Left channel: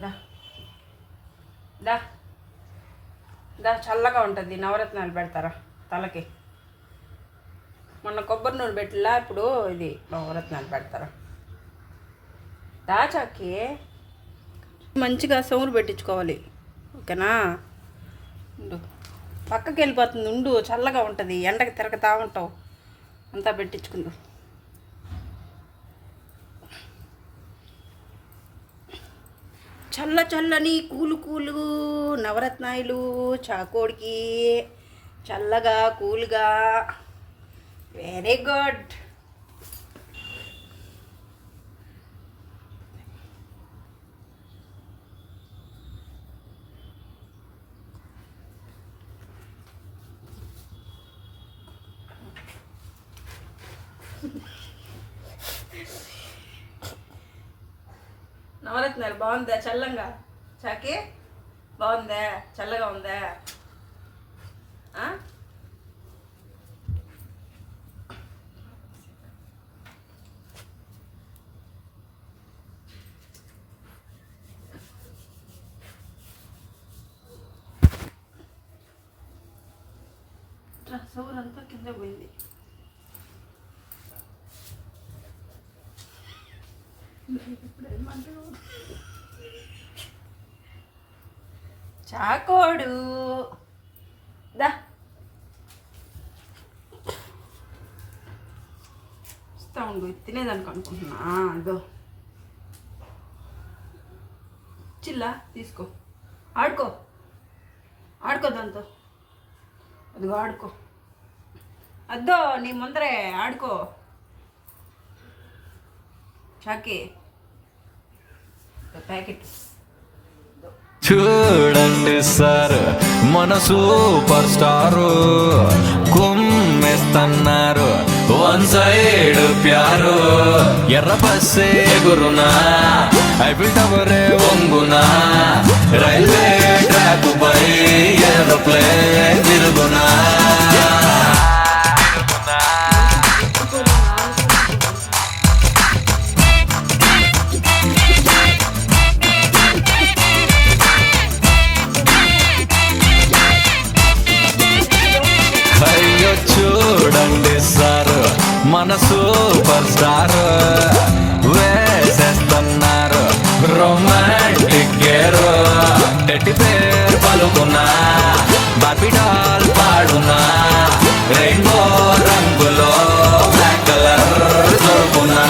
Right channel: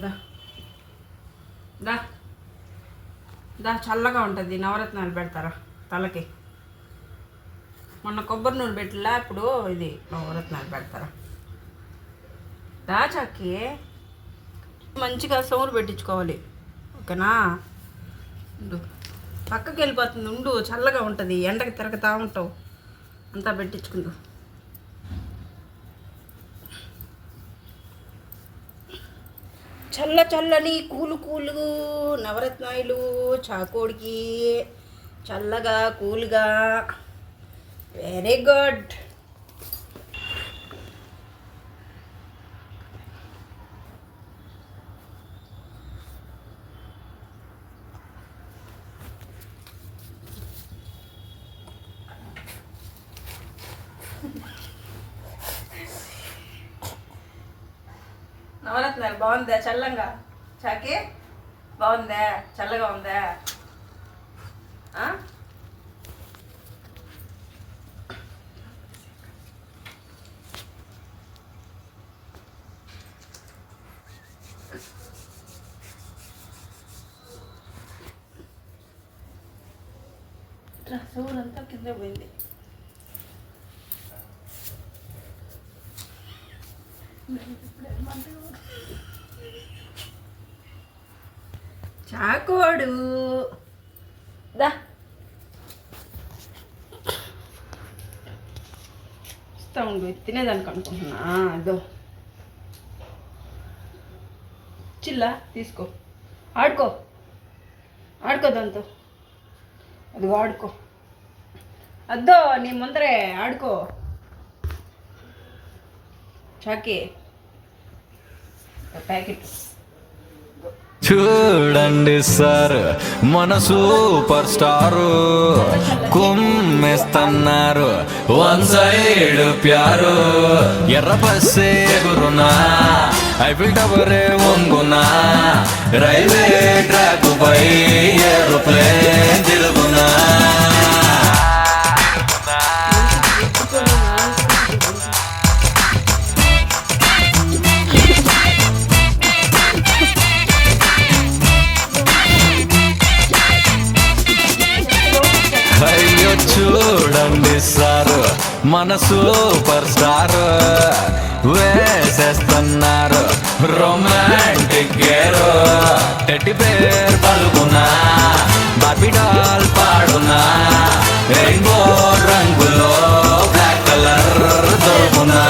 దా దా దా చల్లగా ఉంటుంది. నవరత్నాలు పెడతారా తలకి? మొన్న కొబ్బరి నూనె పెట్టిలా, ఇప్పుడు ఇది నవరత్నాలు పెడతారా? దా చాకి మంచిగా సోములు పెట్టించుకోవాలి, ఓకేనా? ఉండు, పక్కకి వెళ్ళిపోతుంది. ఉండు, చల్లగా ఉంటుంది, ఎండకి తిరగతా ఉంటావు. అంతా పెట్టించుకుందు. చల్ల చల్లని కూలు కూలు నవరత్నాలు చాకోడికి చల్లగా కూల్గా. Very good. నవరత్నాలు బాగుందా? చల్లంగా చాకి బాగుందా? చల్లగా ఉందా? సోలంతా కింద పోయింది. చాకోడు దా ఇస్తా ఉండు, తినేదానికి అనుకుంటున్నా. అదో చిల్లా తీసుకో, ఆడుకో ఆడుకో దాంతో. అది ఆడుకో, అద్దో నీ ముందరే ఆడుకో చాకి. ప్యాకెట్ చూడండి సార్, మన సూపర్ స్టారు కుమ్మేస్తున్నారు. వన్ సైడ్ ప్యారు ఎర్ర బస్సే గురునా, ఐఫిల్ టవరే వంగునా, రైల్వే ట్రాక్ పై ఏరోప్లేన్ తిరుగునా. అయ్యో చూడండి సార్, మన సూపర్ స్టార్ వేసేస్తున్నారు రొమాంటిక్ గేరు. టెడ్డి పేరు పలుకున్నా, బార్బీ డాల్ పాడున్నా, రెయిన్బో రంగులో బ్లాక్ కలర్ దొరుకున్నా.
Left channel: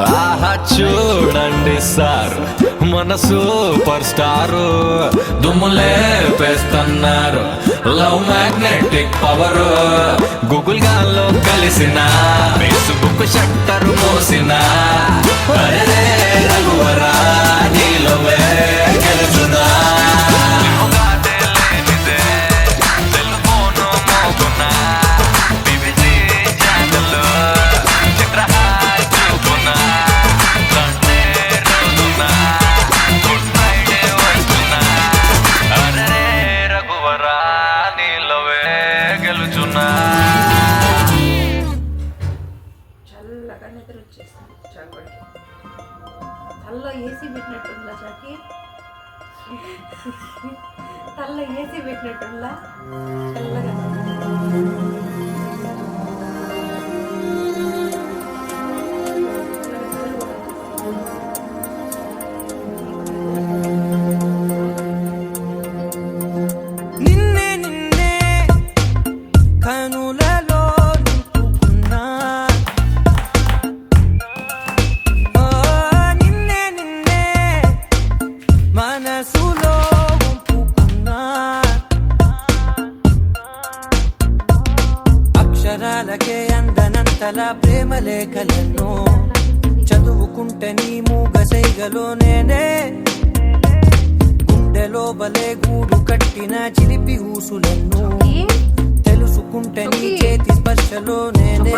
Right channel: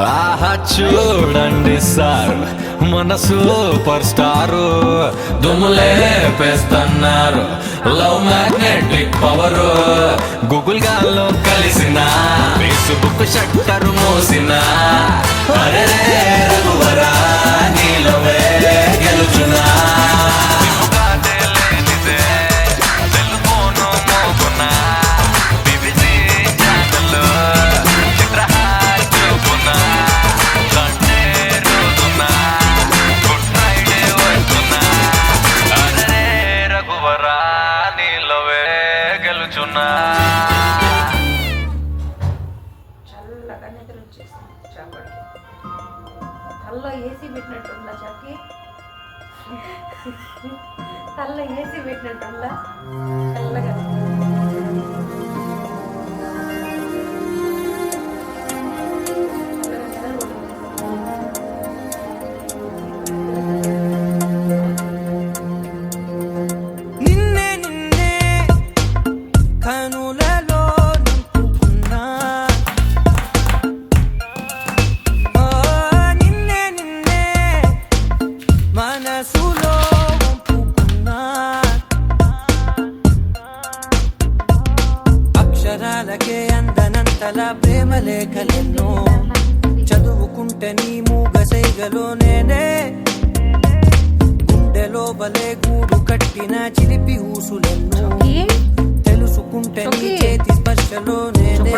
ఆహా చూడండి సార్, మన సూపర్ స్టారు దుమ్ములేపేస్తున్నారు. లవ్ మ్యాగ్నెటిక్ పవర్ గూగుల్ గాల్లో కలిసిన, ఫేస్బుక్ షట్టరు మోసిన. అరే రఘువరా నీలోవే గెలుచునా. సెల్ ఫోను మోగునా, BBC ఛానల్లో చిత్రహార్ చూపునా. సండే రోజున గుడ్ ఫ్రైడే వస్తున్నా. అరే రఘువరా నీలోవే గెలుచున్నా. చల్లగా నిద్ర వచ్చేసింది చాకోడికి. తల్లో ఏసీ పెట్టినట్టుందా చాకి? తల్లో ఏసీ పెట్టినట్టుందా? చల్లగా నిన్నే నిన్నే కనులలో నింపుకున్నా. నిన్నే నిన్నే మనసులో వంపుకున్నా. అక్షరాలకే అందనంతలా ప్రేమ లేఖలెన్నో చదువుకుంటే నీ మూగ సైగలో నేనే. గుండెలో బలే గూడు కట్టిన చిలిపి ఊసులెన్నో తెలుసుకుంటే నీ చేతి స్పర్శలో నేనే.